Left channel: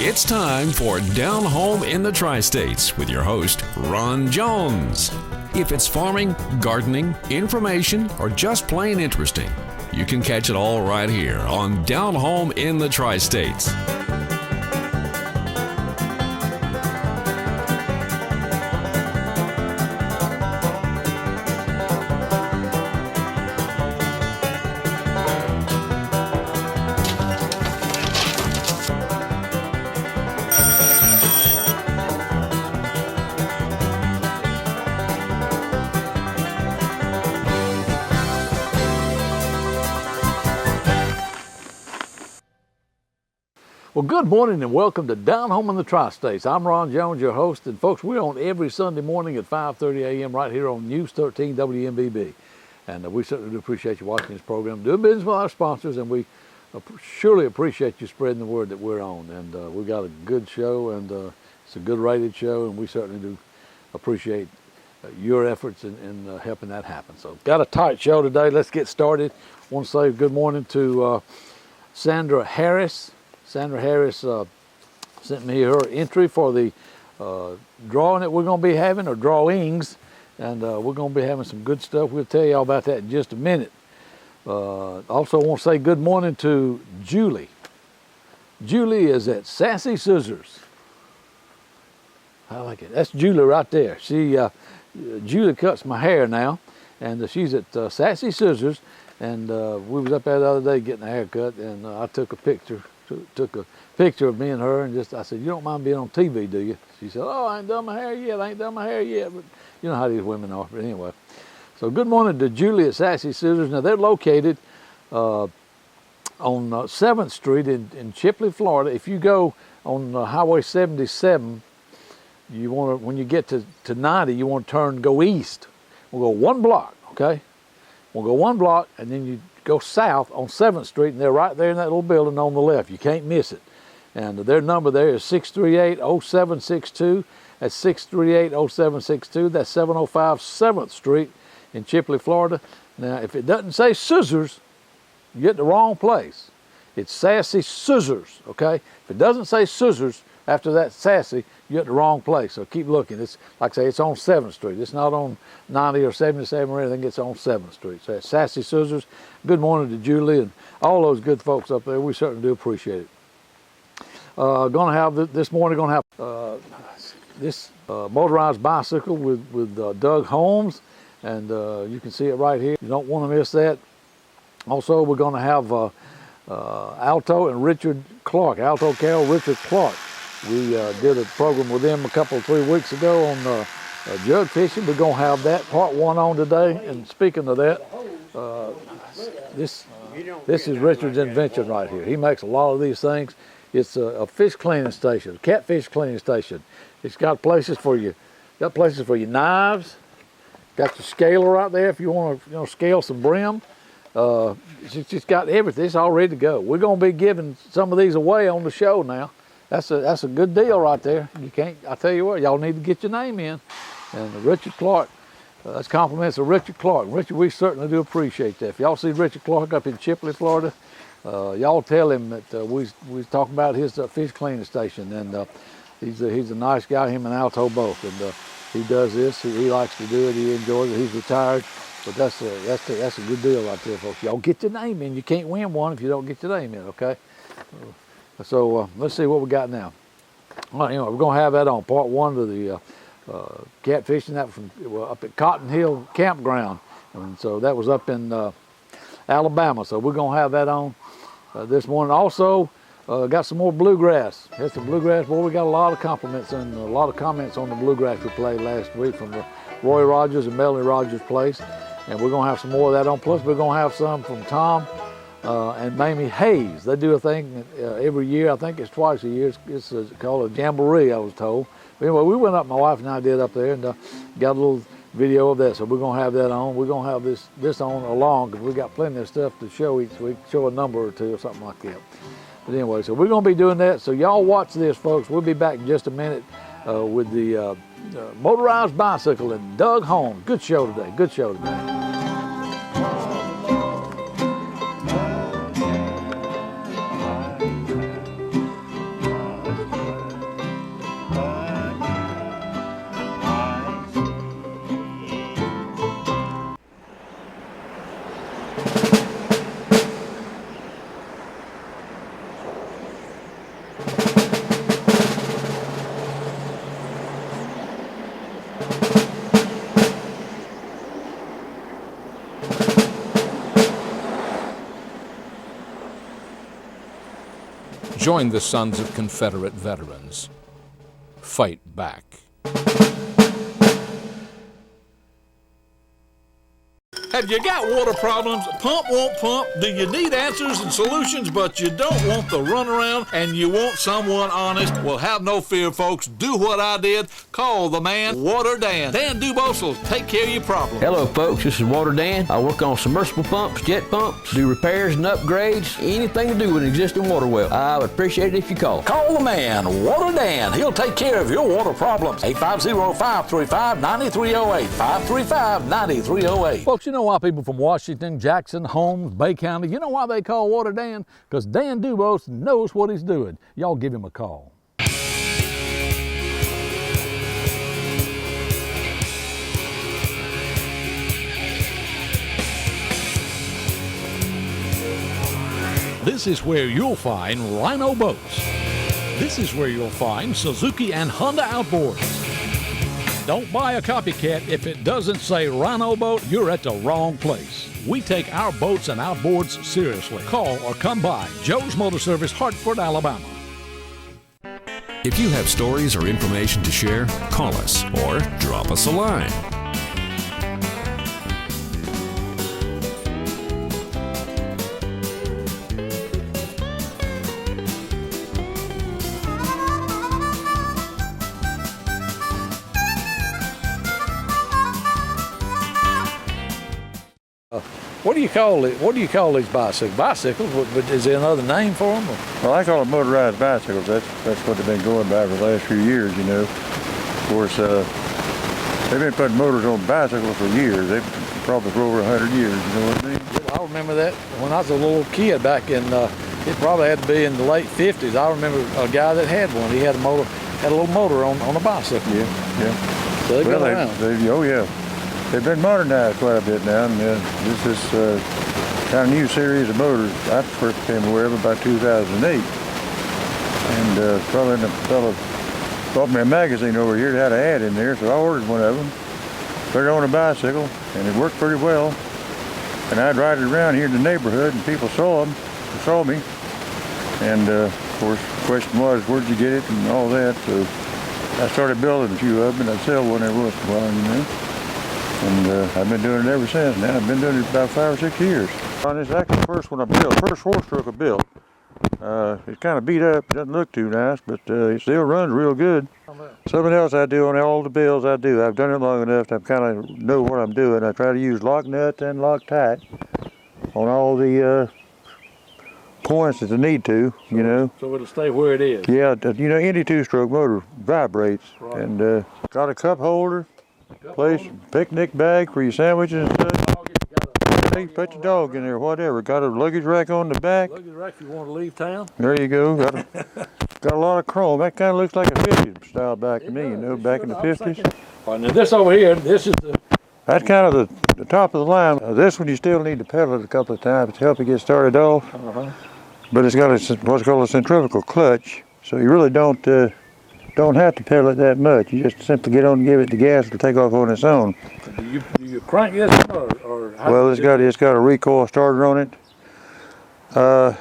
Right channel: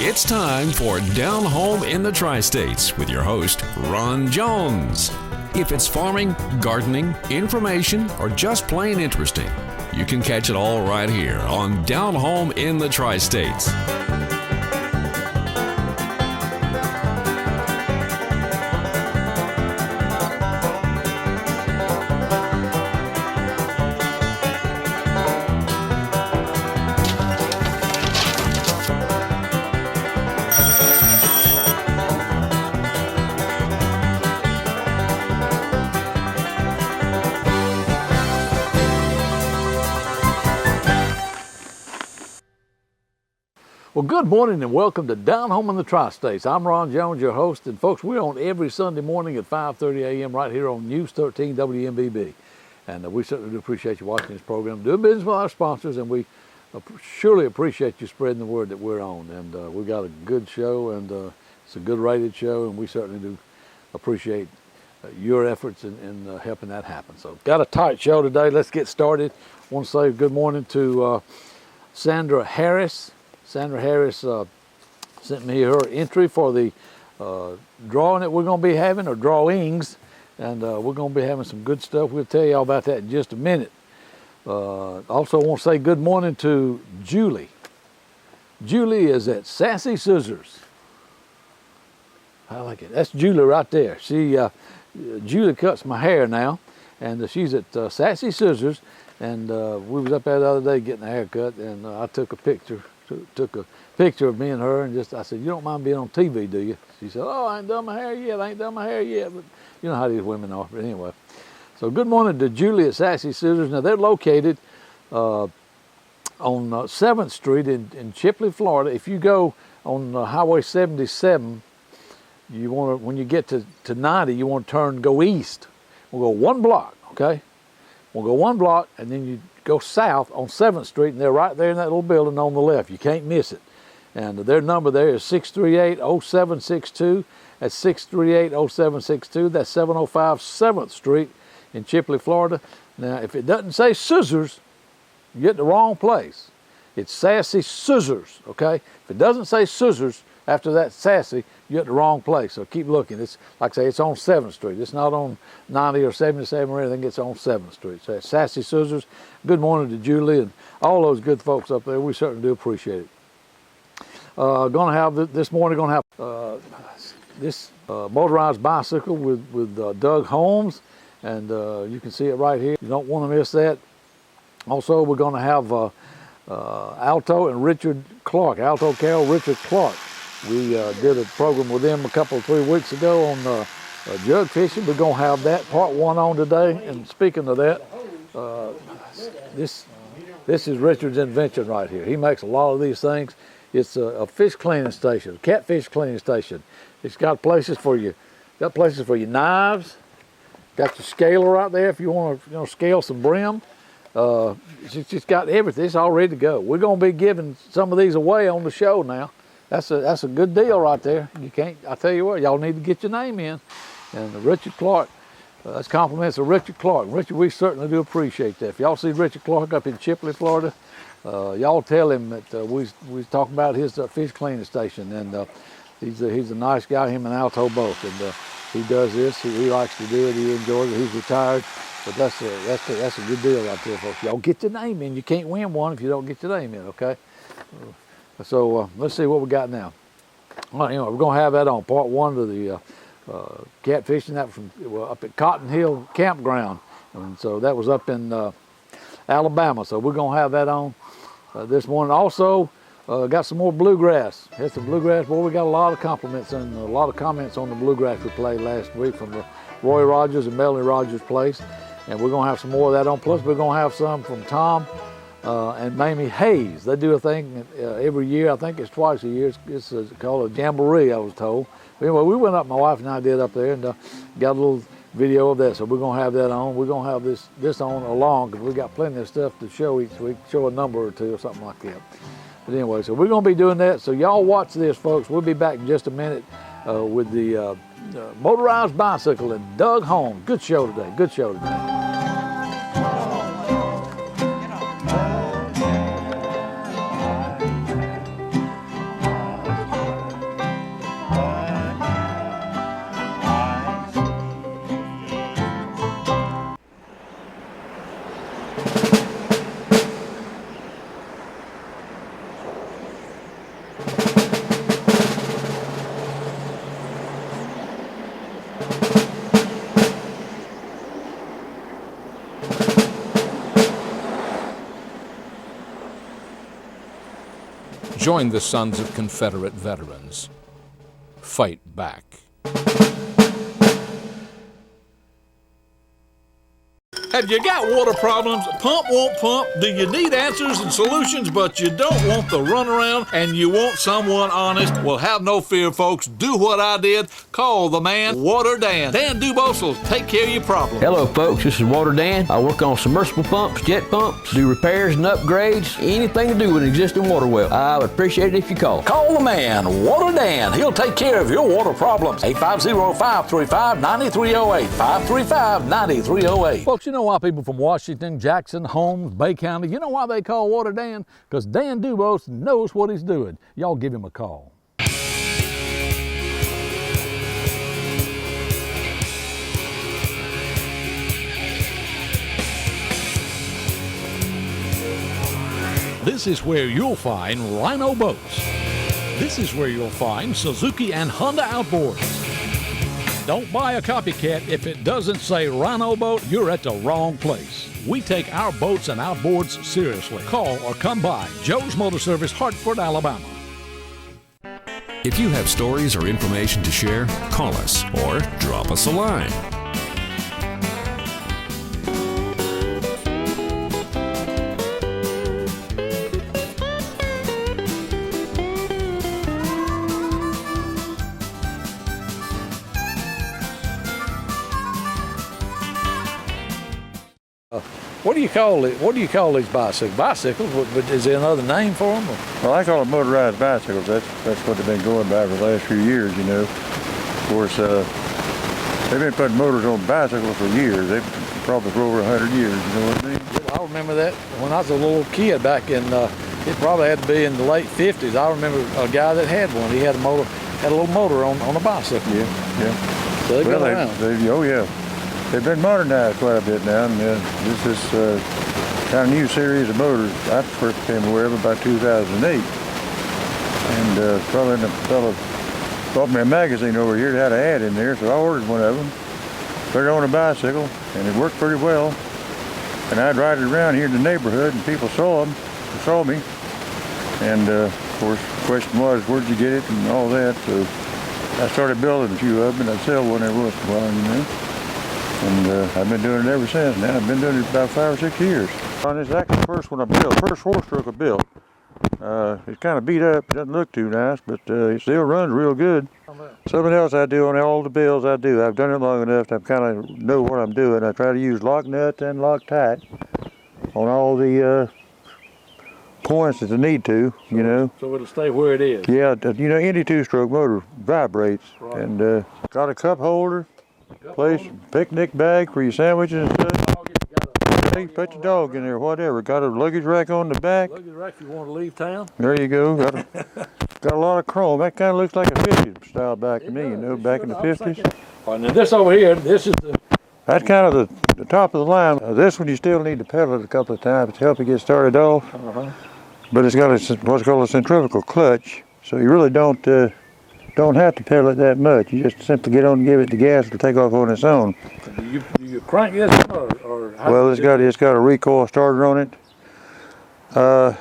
It's time for Down Home in the Tri-States with your host, Ron Jones. If it's farming, gardening, information, or just plain interesting, you can catch it all right here on Down Home in the Tri-States. Well, good morning and welcome to Down Home in the Tri-States. I'm Ron Jones, your host, and folks, we're on every Sunday morning at 5:30 a.m. right here on News 13 WMBB. And we certainly do appreciate you watching this program, doing business with our sponsors, and we surely appreciate you spreading the word that we're on. And we've got a good show, and it's a good rated show, and we certainly do appreciate your efforts in helping that happen. So, got a tight show today. Let's get started. I want to say good morning to Sandra Harris. Sandra Harris sent me her entry for the drawing that we're going to be having, or drawings, and we're going to be having some good stuff. We'll tell you all about that in just a minute. Also want to say good morning to Julie. Julie is at Sassy Scissors. I like it. That's Julie right there. Julie cuts my hair now, and she's at Sassy Scissors, and we was up there the other day getting a haircut, and I took a picture of me and her, and I said, "You don't mind being on TV, do you?" She said, "Oh, I ain't done my hair yet. But you know how these women are." But anyway, so good morning to Julie at Sassy Scissors. Now they're located on 7th Street in Chipley, Florida. If you go on Highway 77, you want to, when you get to 90, you want to go east. We'll go one block, okay? We'll go one block, and then you go south on 7th Street, and they're right there in that little building on the left. You can't miss it. And their number there is 638-0762. That's 638-0762. That's 705 7th Street in Chipley, Florida. Now, if it doesn't say Scissors, you get the wrong place. It's Sassy Scissors, okay? If it doesn't say Scissors after that Sassy, you're at the wrong place. So keep looking. It's, like I say, it's on 7th Street. It's not on 90 or 77 or anything. It's on 7th Street. So it's Sassy Scissors. Good morning to Julie and all those good folks up there. We certainly do appreciate it. Going to have this morning. Going to have this motorized bicycle with Doug Holmes, and you can see it right here. You don't want to miss that. Also, we're going to have Alto and Richard Clark. Alto, Carroll, Richard Clark. We did a program with them 3 weeks ago on jug fishing. We're going to have that part 1 on today. And speaking of that, this is Richard's invention right here. He makes a lot of these things. It's a fish cleaning station, a catfish cleaning station. It's got places for your knives. Got your scaler right there if you want to scale some brim. It's just got everything. It's all ready to go. We're going to be giving some of these away on the show now. That's a good deal right there. You can't. I tell you what, y'all need to get your name in. And Richard Clark, that's compliments of Richard Clark. Richard, we certainly do appreciate that. If y'all see Richard Clark up in Chipley, Florida, y'all tell him that we talking about his fish cleaning station, and he's a nice guy. Him and Alto both, and he does this. He likes to do it. He enjoys it. He's retired, but that's a good deal right there, folks. Y'all get your name in. You can't win one if you don't get your name in. Okay. So let's see what we got now. All right, anyway, we're going to have that on part 1 of the catfishing. That from up at Cotton Hill Campground, and so that was up in Alabama. So we're going to have that on this morning. Also, got some more bluegrass. Here's some bluegrass. Boy, we got a lot of compliments and a lot of comments on the bluegrass we played last week from the Roy Rogers and Melanie Rogers place, and we're going to have some more of that on. Plus, we're going to have some from Tom and Mamie Hayes. They do a thing every year. I think it's twice a year. It's called a jamboree, I was told. But anyway, we went up, my wife and I did up there, and got a little video of that. So we're going to have that on. We're going to have this on along, because we got plenty of stuff to show each week, show a number or two or something like that. But anyway, so we're going to be doing that. So y'all watch this, folks. We'll be back in just a minute with the Motorized Bicycle and Doug Holmes. Good show today. Good show today. Join the sons of Confederate veterans. Fight back. Have you got water problems? Pump won't pump? Do you need answers and solutions, but you don't want the runaround and you want someone honest? Well, have no fear, folks. Do what I did. Call the man, Water Dan. Dan Dubose will take care of your problem. Hello, folks. This is Water Dan. I work on submersible pumps, jet pumps, do repairs and upgrades, anything to do with an existing water well. I would appreciate it if you call. Call the man, Water Dan. He'll take care of your water problems. 850-535-9308. 535-9308. Folks, you know why people from Washington, Jackson, Holmes, Bay County, you know why they call Water Dan? Because Dan Dubose knows what he's doing. Y'all give him a call. This is where you'll find Rhino boats. This is where you'll find Suzuki and Honda outboards. Don't buy a copycat. If it doesn't say Rhino boat, you're at the wrong place. We take our boats and outboards seriously. Call or come by Joe's Motor Service, Hartford, Alabama. If you have stories or information to share, call us or drop us a line. What do you call it? What do you call these bicycles? Bicycles? But is there another name for them? Well, I call them motorized bicycles. That's what they've been going by for the last few years, you know. Of course, they've been putting motors on bicycles for years. They've probably for over 100 years, you know what I mean? I remember that when I was a little kid back in, it probably had to be in the late 50s. I remember a guy that had one. He had a motor, had a little motor on a bicycle. Yeah. So they've been around. Oh yeah. They've been modernized quite a bit now, and this is kind of new series of motors. I first became aware of about 2008, and probably the fellow bought me a magazine over here that had an ad in there, so I ordered one of them, put it on a bicycle, and it worked pretty well. And I'd ride it around here in the neighborhood, and people saw me, and of course the question was, where'd you get it, and all that. So I started building a few of them, and I'd sell one every once in a while, you know. And I've been doing it ever since. Now I've been doing it about 5 or 6 years. On this actually the first one I built, first 4-stroke I built. It's kind of beat up, it doesn't look too nice, but it still runs real good. Something else I do on all the builds I do, I've done it long enough to kind of know what I'm doing. I try to use lock nuts and Loctite on all the points that I need to, you know. So it'll stay where it is. Yeah, you know, any 2-stroke motor vibrates. Right. And got a cup holder. Picnic bag for your sandwiches and stuff. Put your dog in there, whatever. Got a luggage rack on the back. Luggage rack if you want to leave town. There you go. Got a lot of chrome. That kind of looks like a 50s style back to me, you know, back in the 50s. All right, now this over here, this is the... That's kind of the top of the line. This one you still need to pedal it a couple of times to help it get started off. But it's got what's called a centrifugal clutch, so you really don't have to pedal it that much. You just simply get on and give it the gas, it'll take off on its own. Do you crank this or how? Well, it's got a recoil starter on it. Now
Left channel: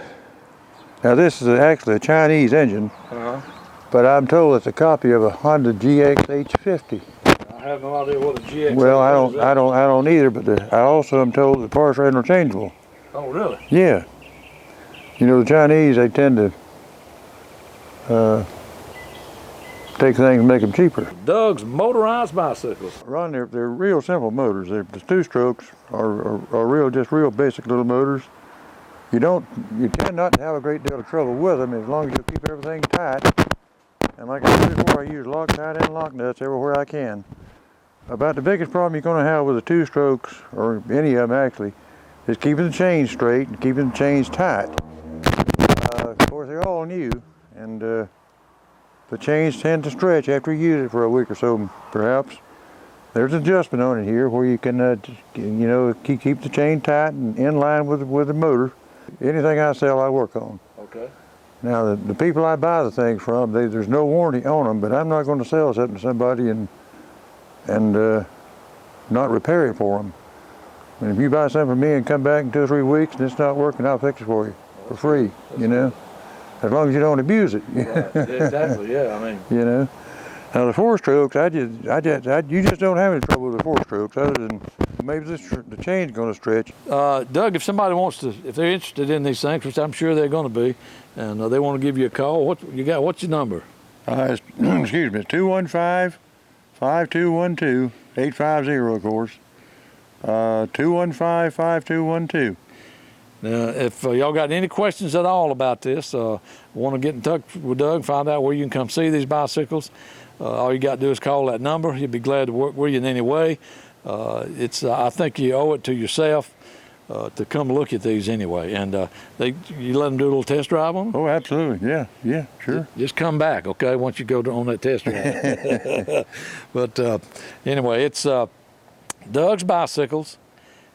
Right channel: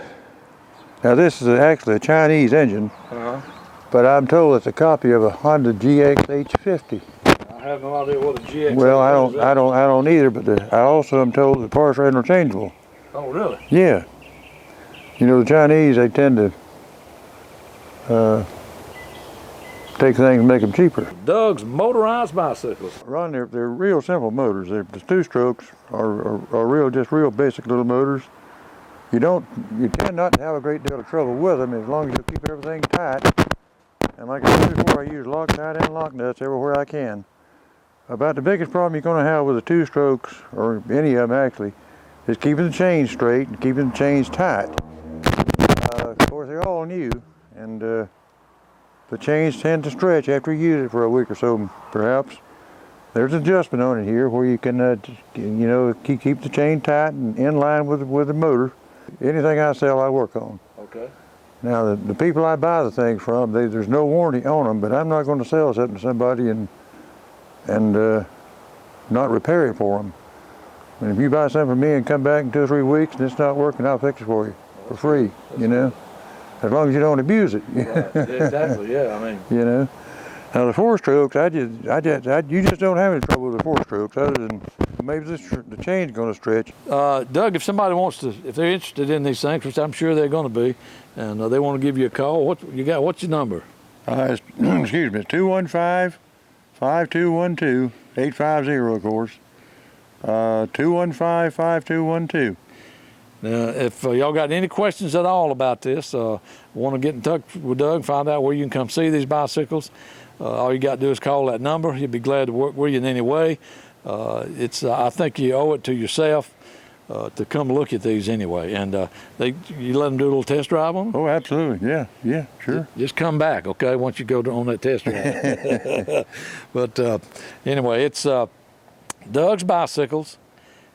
this is actually a Chinese engine, but I'm told it's a copy of a Honda GX H50. I have no idea what a GX. Well, I don't either, but I also am told the parts are interchangeable. Oh, really? Yeah. You know, the Chinese, they tend to take things and make them cheaper. Doug's Motorized Bicycles. Ron, they're real simple motors. The 2-strokes are real basic little motors. You tend not to have a great deal of trouble with them as long as you keep everything tight. And like I said before, I use Loctite and lock nuts everywhere I can. About the biggest problem you're going to have with the 2-strokes, or any of them actually, is keeping the chains straight and keeping the chains tight. Of course, they're all new, and the chains tend to stretch after you use it for a week or so, perhaps. There's an adjustment on it here where you can, keep the chain tight and in line with the motor. Anything I sell, I work on. Okay. Now, the people I buy the things from, there's no warranty on them, but I'm not going to sell something to somebody and not repair it for them. And if you buy something from me and come back in 2 or 3 weeks and it's not working, I'll fix it for you for free, you know. as long as you don't abuse it. Right. Yeah, exactly. Yeah, I mean. You know. Now the 4-strokes, you just don't have any trouble with the 4-strokes, other than maybe the chain's going to stretch. Doug, if somebody wants to, if they're interested in these things, which I'm sure they're going to be, and they want to give you a call, what's your number? Excuse me, 215-5212-850, of course. 215-5212. Now, if y'all got any questions at all about this, want to get in touch with Doug, find out where you can come see these bicycles, all you got to do is call that number. He'd be glad to work with you in any way. I think you owe it to yourself to come look at these anyway. And you let them do a little test drive on them? Oh, absolutely. Yeah, sure. Just come back, okay, once you go on that test drive. But anyway, it's Doug's Bicycles.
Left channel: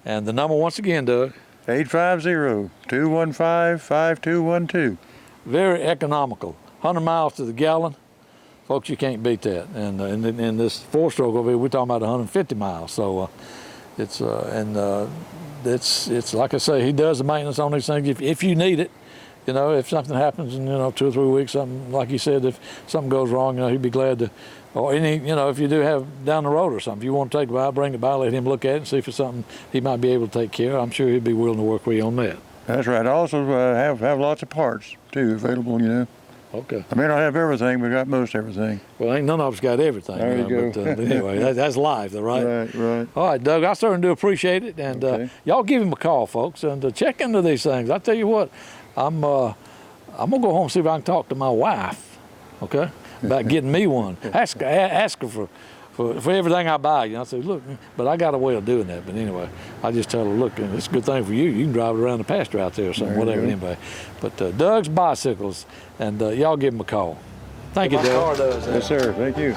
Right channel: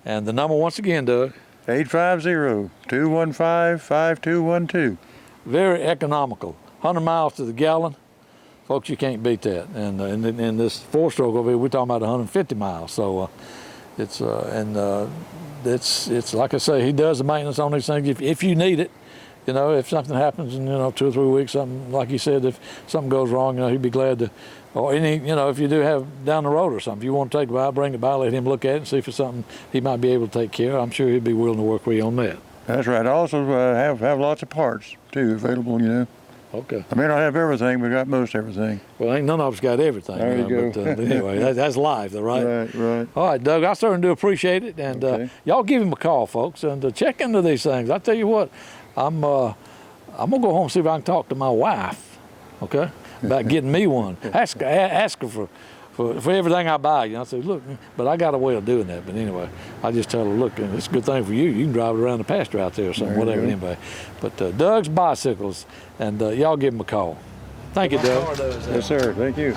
And the number, once again, Doug? 850-215-5212. Very economical. 100 miles to the gallon. Folks, you can't beat that. And in this 4-stroke over here, we're talking about 150 miles. So it's like I say, he does the maintenance on these things if you need it. You know, if something happens in 2 or 3 weeks, something like you said, if something goes wrong, he'd be glad to. Or if you do have down the road or something, if you want to take it by, bring it by, let him look at it and see if it's something he might be able to take care of. I'm sure he'd be willing to work with you on that. That's right. I also have lots of parts too available. Okay. I may not have everything, but I got most everything. Well, ain't none of us got everything. There you go. But anyway, that's life, though, right? Right. All right, Doug, I certainly do appreciate it. And Okay. Y'all give him a call, folks, and check into these things. I tell you what, I'm going to go home and see if I can talk to my wife, okay, about getting me one. Ask her for everything I buy. I say, look, but I got a way of doing that. But anyway, I just tell her, look, it's a good thing for you. You can drive it around the pasture out there or something, whatever, anyway. But Doug's Bicycles, and y'all give him a call. Thank you, Doug. Yes, sir. Thank you.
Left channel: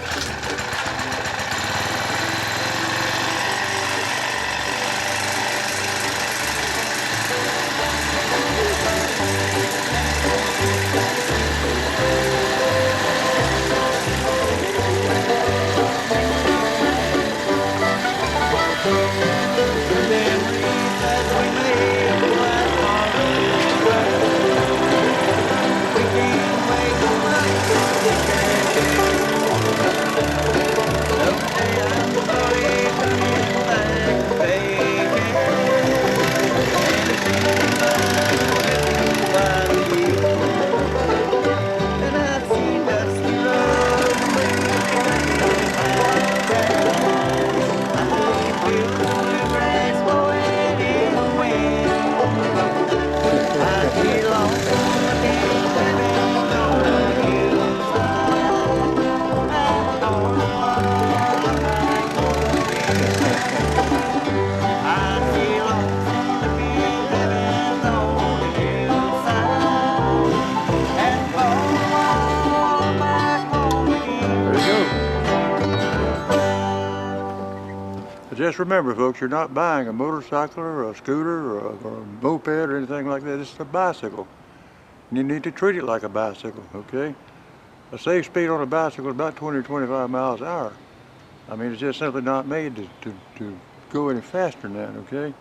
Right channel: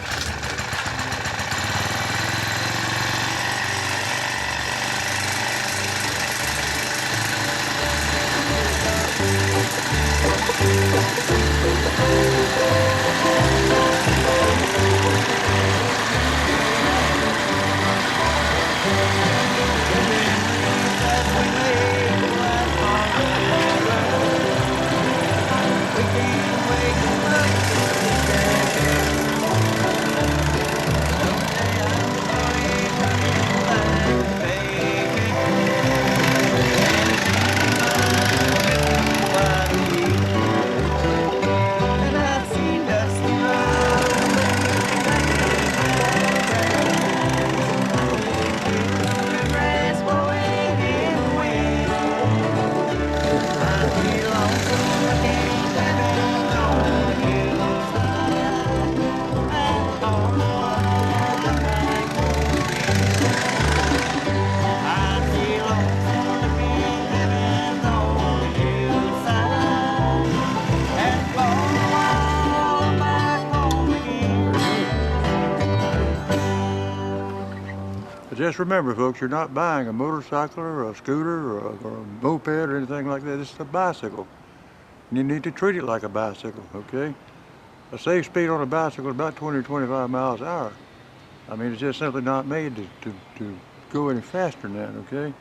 Just remember, folks, you're not buying a motorcycle or a scooter or a moped or anything like that. It's a bicycle. And you need to treat it like a bicycle, okay? A safe speed on a bicycle is about 20 or 25 miles an hour. I mean, it's just simply not made to go any faster than that, okay?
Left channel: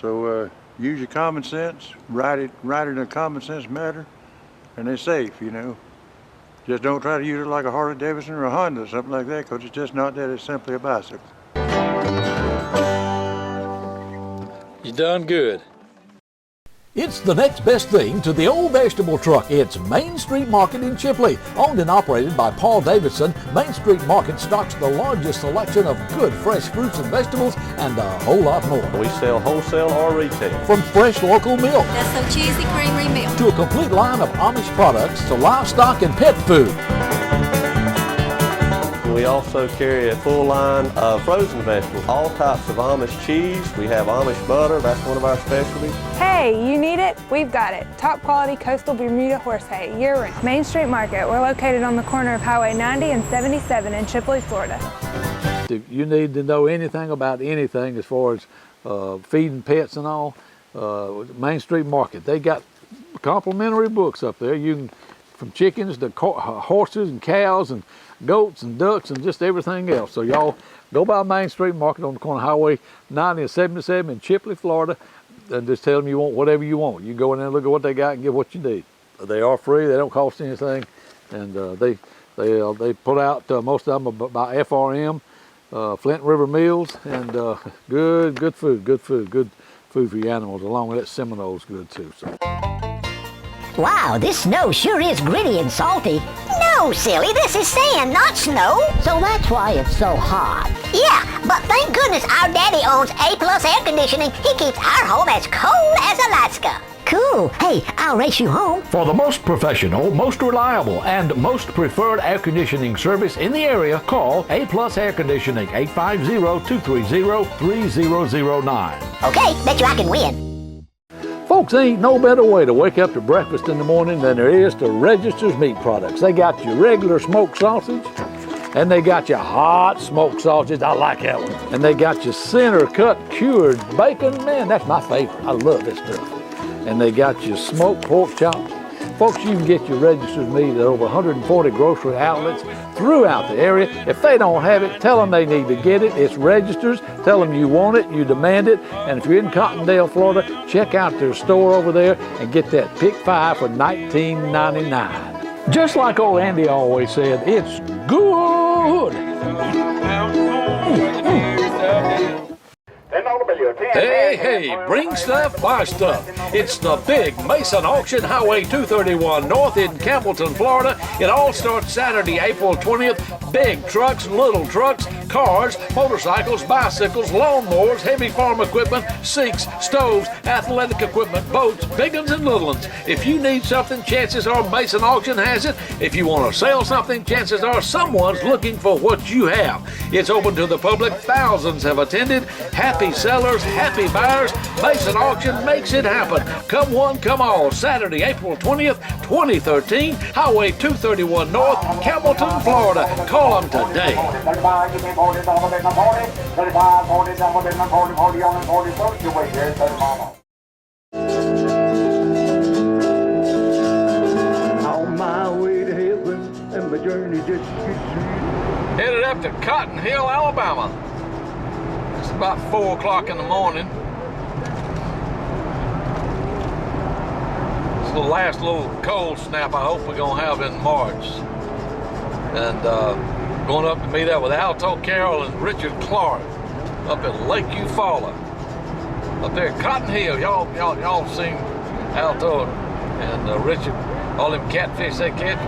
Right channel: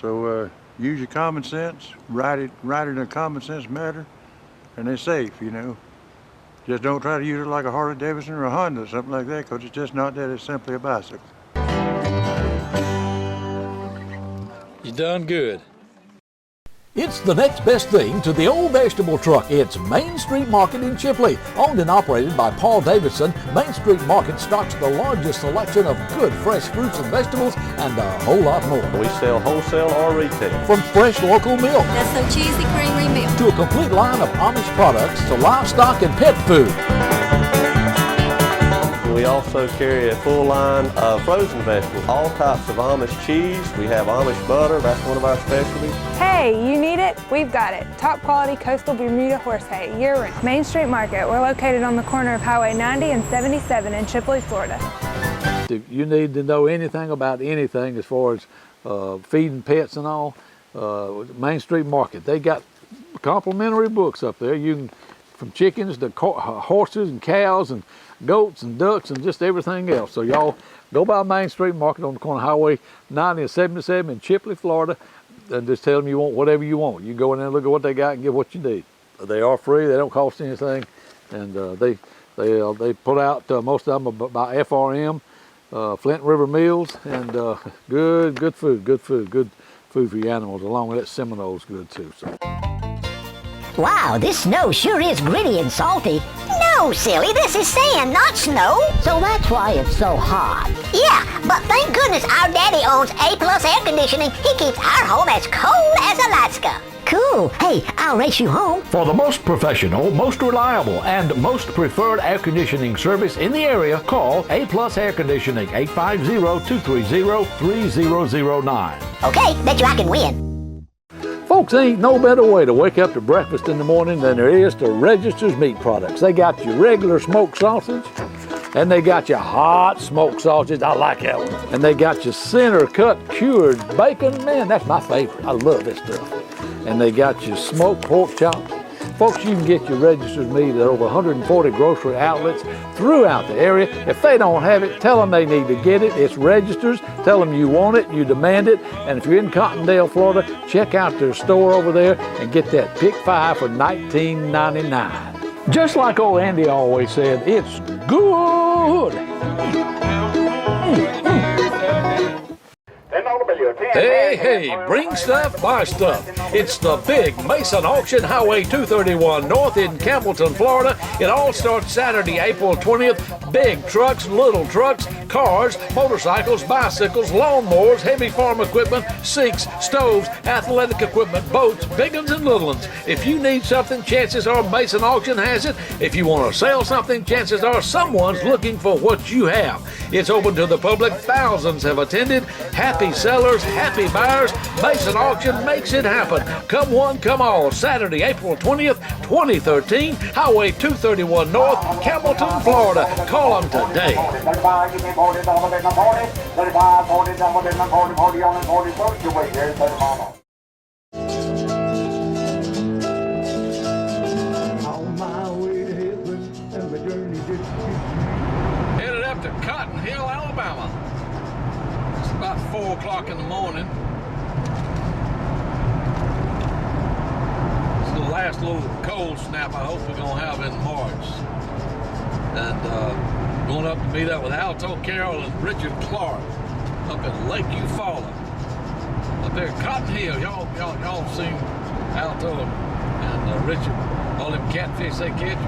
So use your common sense, ride it in a common sense manner, and it's safe, Just don't try to use it like a Harley Davidson or a Honda or something like that, because it's just not that. It's simply a bicycle. You done good. It's the next best thing to the old vegetable truck. It's Main Street Market in Chipley. Owned and operated by Paul Davidson, Main Street Market stocks the largest selection of good fresh fruits and vegetables and a whole lot more. We sell wholesale or retail. From fresh local milk That's so cheesy creamery milk. to a complete line of Amish products to livestock and pet food. We also carry a full line of frozen vegetables, all types of Amish cheese. We have Amish butter, that's one of our specialties. Hey, you need it? We've got it. Top quality coastal Bermuda horse hay, year-round. Main Street Market. We're located on the corner of Highway 90 and 77 in Chipley, Florida. If you need to know anything about anything as far as feeding pets and all, Main Street Market, they got complimentary books up there. You can, from chickens to horses and cows and goats and ducks and just everything else. So y'all go by Main Street Market on the corner of Highway 90 and 77 in Chipley, Florida, and just tell them you want whatever you want. You go in there and look at what they got and get what you need. They are free. They don't cost anything, and they put out most of them by FRM, Flint River Meals, and good food for your animals. Along with that, Seminole's good too. So. Wow, this snow sure is gritty and salty. No, silly, this is sand, not snow. So that's why it's so hot. Yeah, but thank goodness our daddy owns A+ air conditioning. He keeps our home as cold as Alaska. Cool. Hey, I'll race you home. For the most professional, most reliable, and most preferred air conditioning service in the area, call A+ Air Conditioning, 850-230-3009. Okay, bet you I can win. Folks, there ain't no better way to wake up to breakfast in the morning than there is to Register's Meat Products. They got your regular smoked sausage, and they got your hot smoked sausage. I like that one. And they got your center cut cured bacon. Man, that's my favorite. I love this stuff. And they got your smoked pork chops. Folks, you can get your Register's Meat at over 140 grocery outlets throughout the area. If they don't have it, tell them they need to get it. It's Register's. Tell them you want it, you demand it. And if you're in Cottondale, Florida, check out their store over there and get that Pick 5 for $19.99. Just like old Andy always said, it's good. Hey, bring stuff, buy stuff. It's the big Mason Auction, Highway 231 North in Campbellton, Florida. It all starts Saturday, April 20th. Big trucks, little trucks, cars, motorcycles, bicycles, lawnmowers, heavy farm equipment, sinks, stoves, athletic equipment, boats, big ones and little ones. If you need something, chances are Mason Auction has it. If you want to sell something, chances are someone's looking for what you have. It's open to the public. Thousands have attended. Happy sellers, happy buyers. Mason Auction makes it happen. Come one, come all. Saturday, April 20th, 2013, Highway 231 North, Campbellton, Florida. Call them today. On my way to heaven, and my journey just gets sweet. Headed up to Cotton Hill, Alabama. It's about 4 o'clock in the morning. It's the last little cold snap I hope we're gonna have in March. And going up to meet up with Alto, Carroll, and Richard Clark up at Lake Eufaula. Up there at Cotton Hill. Y'all seen Alto and Richard, all them catfish they catch.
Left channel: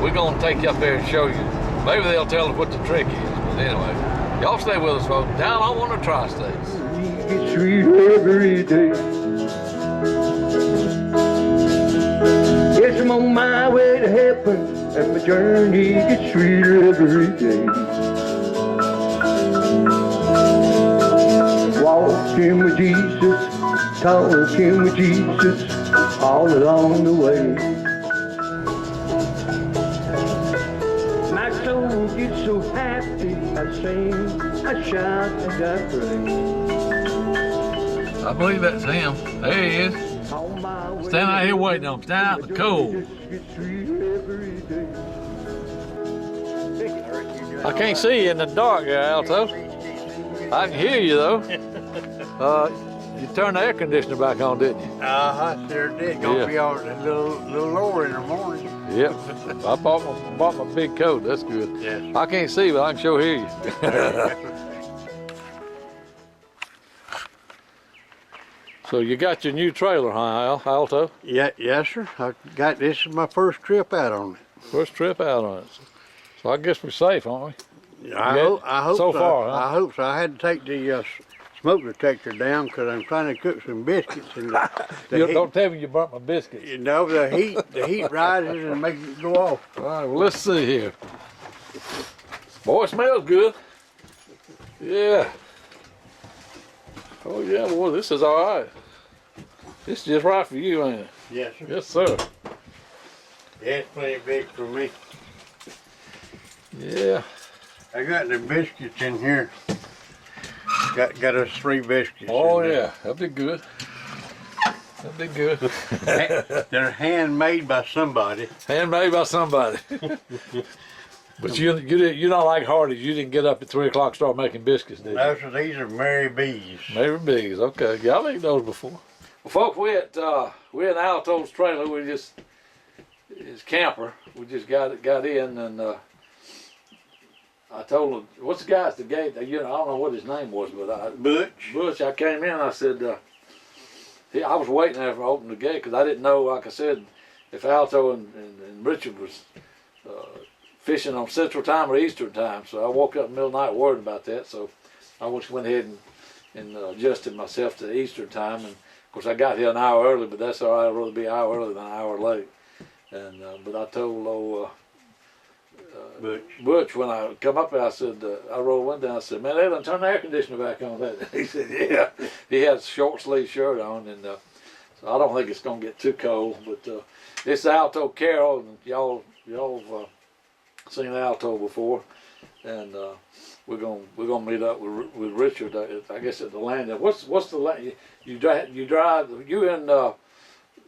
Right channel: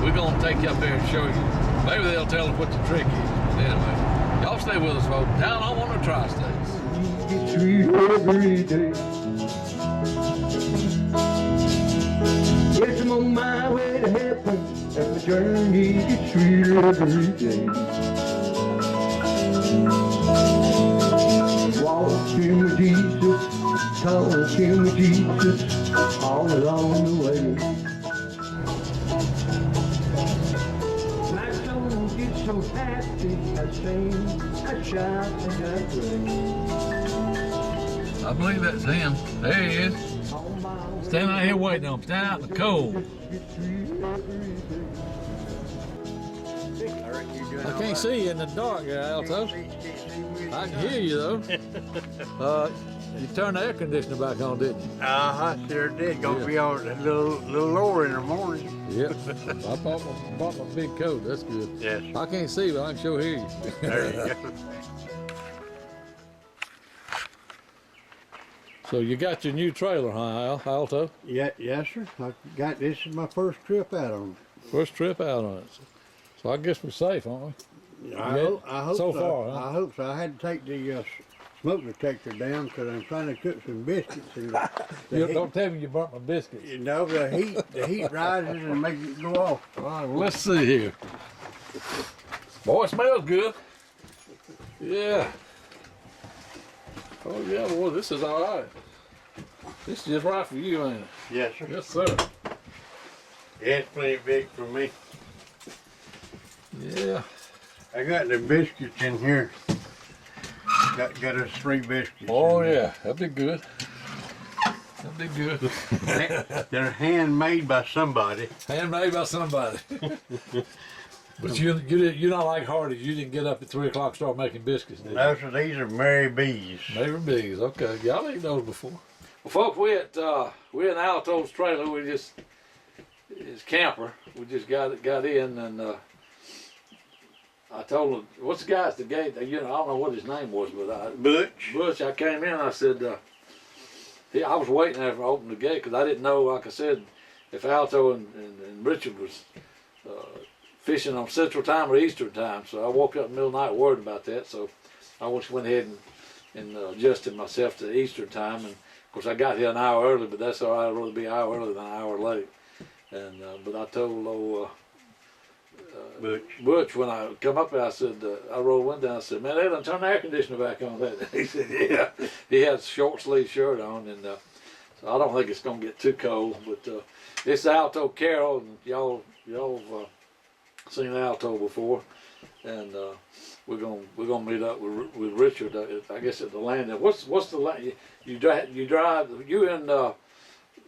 We're gonna take you up there and show you. Maybe they'll tell us what the trick is. But anyway, y'all stay with us, folks. Down home on the Tri-States. It's sweet every day. Yes, I'm on my way to heaven, and my journey gets sweeter every day. Walking with Jesus, talking with Jesus, all along the way. My soul gets so happy, I sing, I shout, and I pray. I believe that's him. There he is. Stand out here waiting on him. Stand out in the cold. I can't see you in the dark here, Alto. I can hear you though. You turned the air conditioner back on, didn't you? I sure did. Gonna be on a little lower in the morning. Yep. I bought my big coat. That's good. Yes. I can't see, but I can sure hear you. So you got your new trailer, huh, Alto? Yeah, yes, sir. This is my first trip out on it. First trip out on it. So I guess we're safe, aren't we? I hope so. Far, huh? I hope so. I had to take the smoke detector down because I'm trying to cook some biscuits. And Don't tell me you burnt my biscuits. You know, the heat rises and makes it go off. All right, well, let's see here. Boy, it smells good. Yeah. Oh, yeah, boy, this is all right. This is just right for you, ain't it? Yes, sir. Yes, sir. Yeah, it's plenty big for me. Yeah. I got the biscuits in here. Got us 3 biscuits. Oh, yeah, that'd be good. That'd be good. They're handmade by somebody. Handmade by somebody. But you're not like Hardy. You didn't get up at 3 o'clock and start making biscuits, did you? No, so these are Mary B's. Mary B's, okay. Yeah, I've eaten those before. Well, folks, we're in Alto's trailer. His camper. We just got in, and I told him, "What's the guy at the gate?" I don't know what his name was, but Butch. I came in. I said, I was waiting there for open the gate because I didn't know. Like I said, if Alto and Richard was fishing on Central Time or Eastern Time. So I woke up in the middle of the night worried about that. So I just went ahead and adjusted myself to Eastern Time. And of course I got here an hour early, but that's all right. I'd rather be an hour early than an hour late. And but I told Butch when I come up there, I said, I rolled one down. I said, "Man, they done turn the air conditioner back on." That he said, "Yeah." He had a short sleeve shirt on, and so I don't think it's gonna get too cold. But it's Alto Carroll, and y'all seen Alto before, and we're gonna meet up with Richard. I guess at the landing. What's the land? You drive. You in?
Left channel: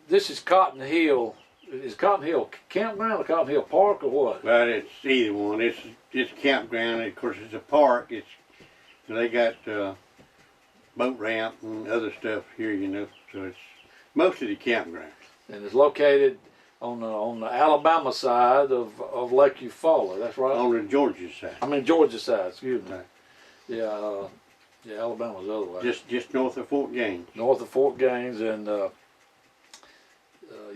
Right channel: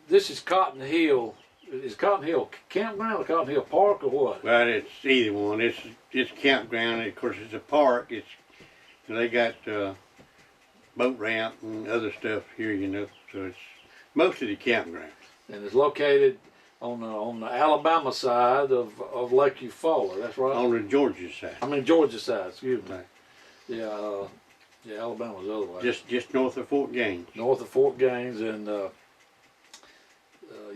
This is Cotton Hill. Is Cotton Hill campground or Cotton Hill Park or what? Well, it's either one. It's campground. Of course, it's a park. They got boat ramp and other stuff here, So it's mostly the campground. And it's located on the Alabama side of Lake Eufaula. That's right. On the Georgia side. I mean Georgia side. Excuse me. Right. Yeah, Alabama's the other way. Just north of Fort Gaines. North of Fort Gaines, and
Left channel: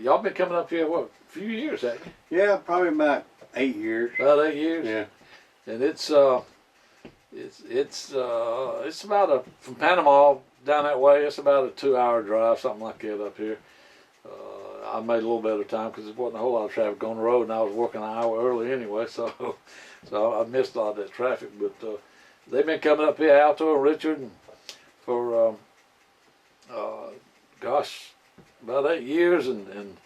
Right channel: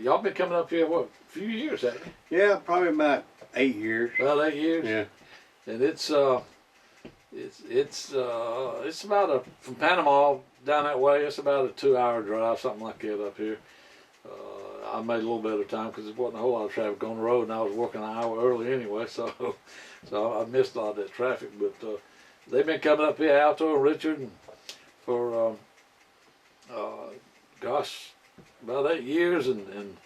y'all been coming up here a few years, haven't you? Yeah, probably about 8 years. About 8 years. Yeah. And it's about from Panama down that way. It's about a 2-hour drive, something like that up here. I made a little better time because there wasn't a whole lot of traffic on the road, and I was working an hour early anyway, so I missed a lot of that traffic. But they've been coming up here, Alto and Richard, and for about 8 years, and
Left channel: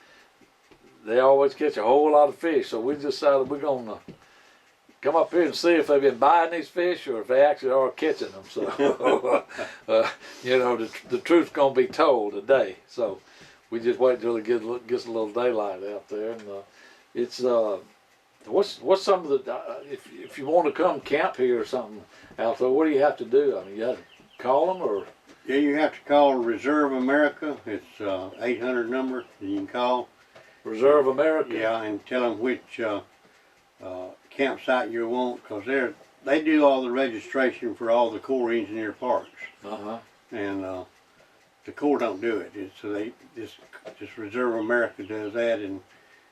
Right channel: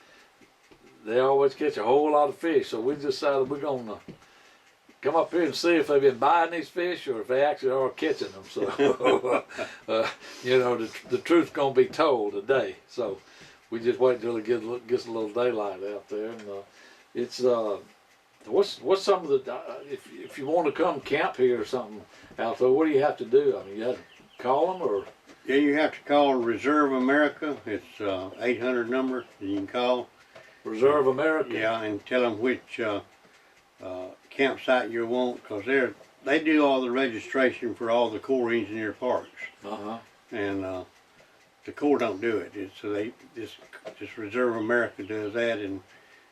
they always catch a whole lot of fish. So we decided we're gonna come up here and see if they've been buying these fish or if they actually are catching them. So the truth's gonna be told today. So we just wait till it gets a little daylight out there, and it's what's some of the if you want to come camp here or something, Alto, what do you have to do? I mean, you have to call them or? Yeah, you have to call Reserve America. It's 800 number that you can call. Reserve America. Yeah, and tell them which campsite you want, because they do all the registration for all the Corps Engineer parks. And the Corps don't do it. So just Reserve America does that, and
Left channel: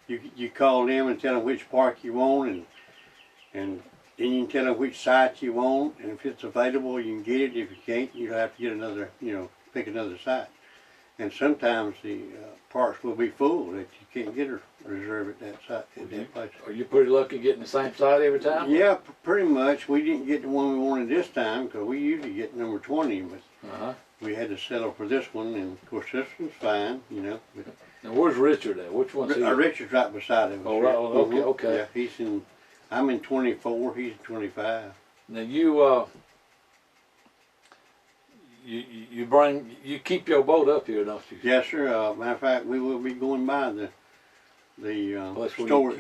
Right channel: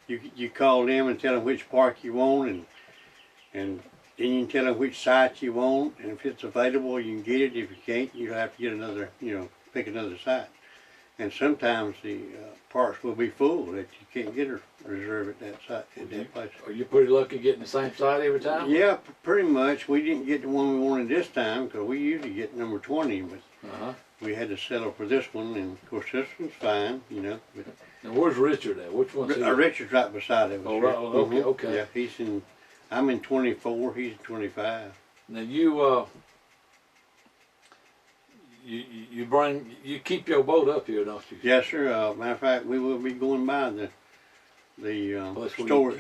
you call them and tell them which park you want, and then you can tell them which site you want, and if it's available, you can get it. If you can't, you'll have to get another, pick another site. And sometimes the parks will be full that you can't get a reserve at that site, at that place. Are you pretty lucky getting the same site every time? Yeah, pretty much. We didn't get the one we wanted this time because we usually get number 20, but we had to settle for this one, and of course this one's fine, But now where's Richard at? Which one's he? Richard's right beside him. Oh, right. Okay. Yeah, I'm in 24. He's 25. Now you keep your boat up here, don't you? Yes, sir. Matter of fact, we will be going by the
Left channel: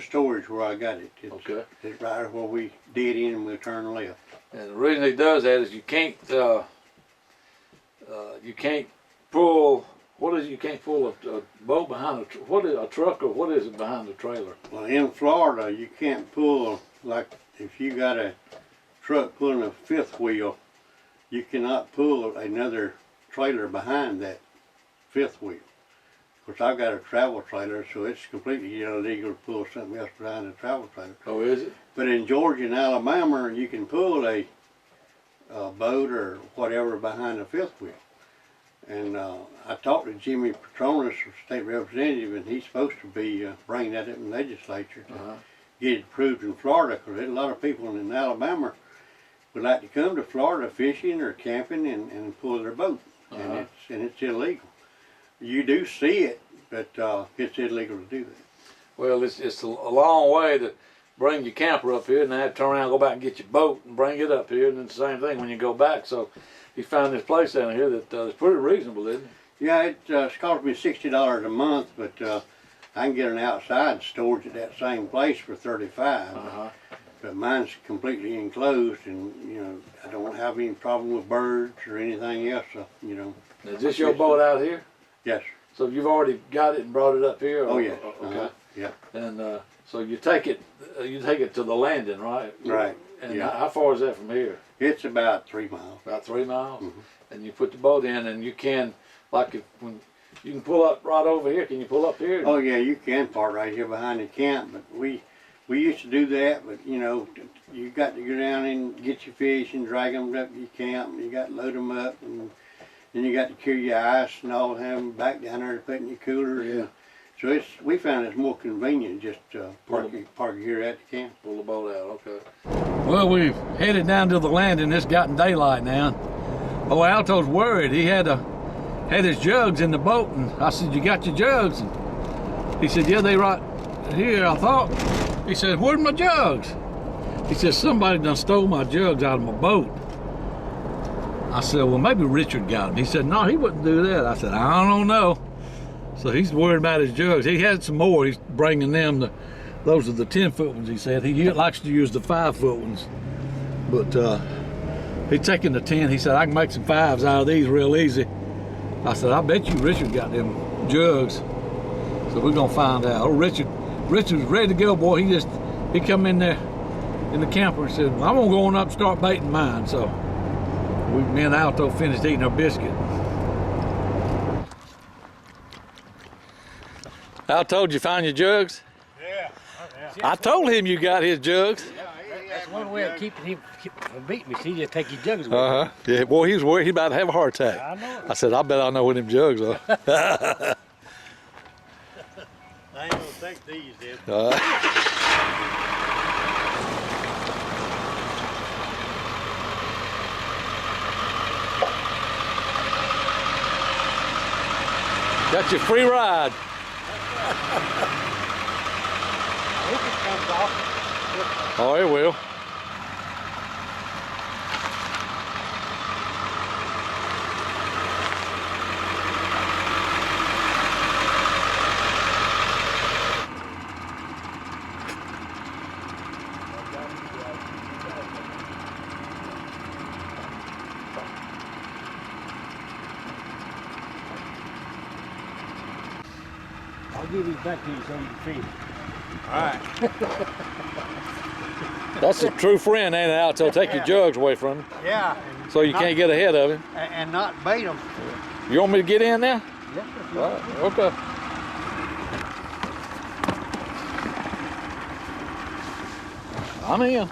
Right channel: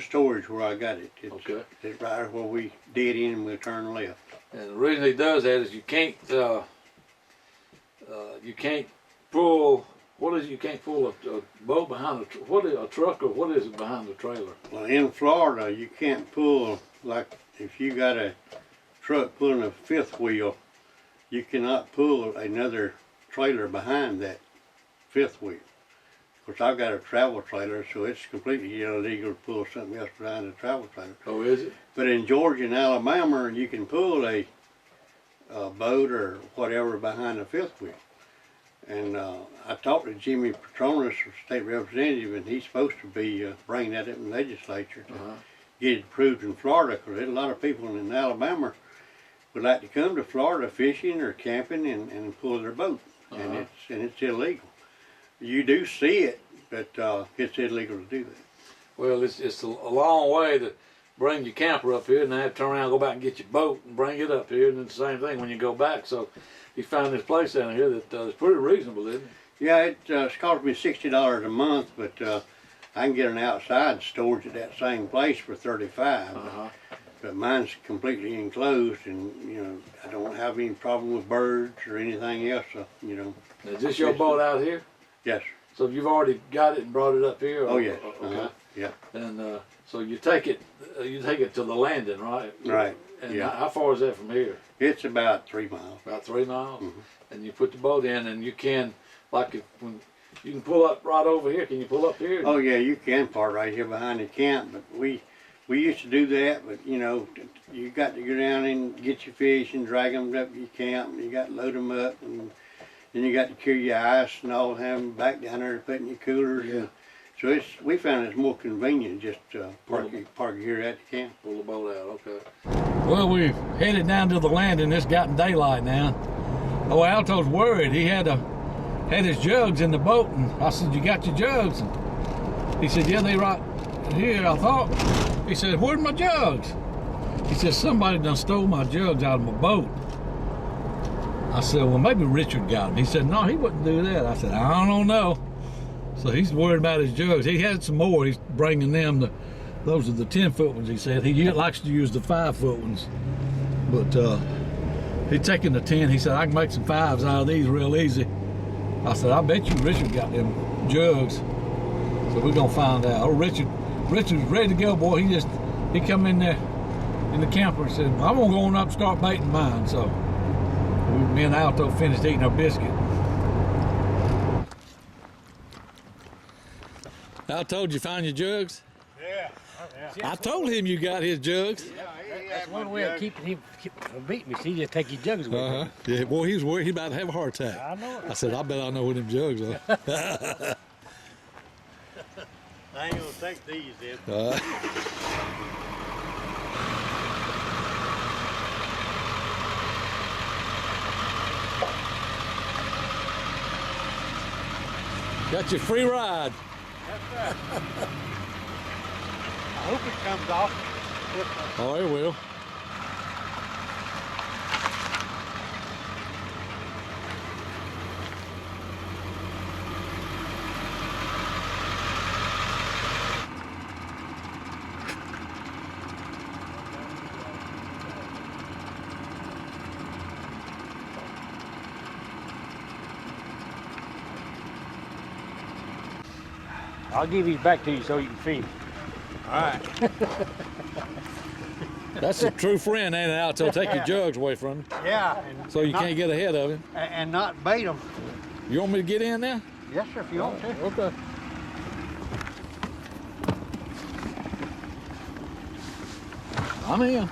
storage where I got it. It's right where we did in, and we'll turn left. And the reason he does that is you can't pull. What is it? You can't pull a boat behind a truck, or what is it behind the trailer? Well, in Florida, you can't pull, like if you got a truck pulling a fifth wheel, you cannot pull another trailer behind that fifth wheel. Of course, I've got a travel trailer, so it's completely illegal to pull something else behind a travel trailer. Oh, is it? But in Georgia and Alabama, you can pull a boat or whatever behind the fifth wheel. And I talked to Jimmy Petronas, state representative, and he's supposed to be bringing that up in the legislature to get it approved in Florida, because there's a lot of people in Alabama would like to come to Florida fishing or camping and pull their boat, and it's illegal. You do see it, but it's illegal to do that. Well, it's a long way to bring your camper up here, and then have to turn around, go back and get your boat and bring it up here, and then the same thing when you go back. So he found this place down here that is pretty reasonable, isn't it? Yeah, it's cost me $60 a month, but I can get an outside storage at that same place for $35. But mine's completely enclosed, and I don't have any problem with birds or anything else. So, Is this your boat out here? Yes. So you've already got it and brought it up here? Oh, yes. Okay. Yeah. And so you take it to the landing, right? Right. And yeah. how far is that from here? It's about 3 miles. About 3 miles? Mm-hmm. And you put the boat in, and you can, when you can pull up right over here. Can you pull up here? Oh yeah, you can park right here behind the camp, but we used to do that, but you know, you got to go down and get your fish and drag them up to your camp, and you got to load them up, and then you got to cure your ice and all, have them back down there to put in your coolers. Yeah. So we found it's more convenient just park here at the camp. Pull the boat out, okay. Well, we've headed down to the landing. It's gotten daylight now. Oh, Alto's worried. He had his jugs in the boat, and I said, "You got your jugs?" And he said, "Yeah, they right here, I thought." He said, "Where's my jugs?" He said, "Somebody done stole my jugs out of my boat." I said, "Well, maybe Richard got them." He said, "No, he wouldn't do that." I said, "I don't know." So he's worried about his jugs. He had some more. He's bringing them. Those are the 10-foot ones, he said. He likes to use the 5-foot ones. But he's taking the 10. He said, "I can make some 5s out of these real easy." I said, "I bet you Richard got them jugs." So we're going to find out. Oh, Richard's ready to go, boy. He come in there in the camper and said, "Well, I'm going to go on up and start baiting mine." So me and Alto finished eating our biscuit. Alto, did you find your jugs? Yeah. I told him you got his jugs. That's one way of keeping him from beating me. See, just take his jugs away. Yeah, boy, he was worried he about to have a heart attack. I know. I said, "I bet I know where them jugs are." I ain't gonna take these, then. Got your free ride. I hope it comes off. Oh, it will. I'll give these back to you so you can feed them. All right. That's a true friend, ain't it, Alto? Take your jugs away from him Yeah. so you can't get ahead of him. And not bait them. You want me to get in there? Yes, All right, okay. I'm in.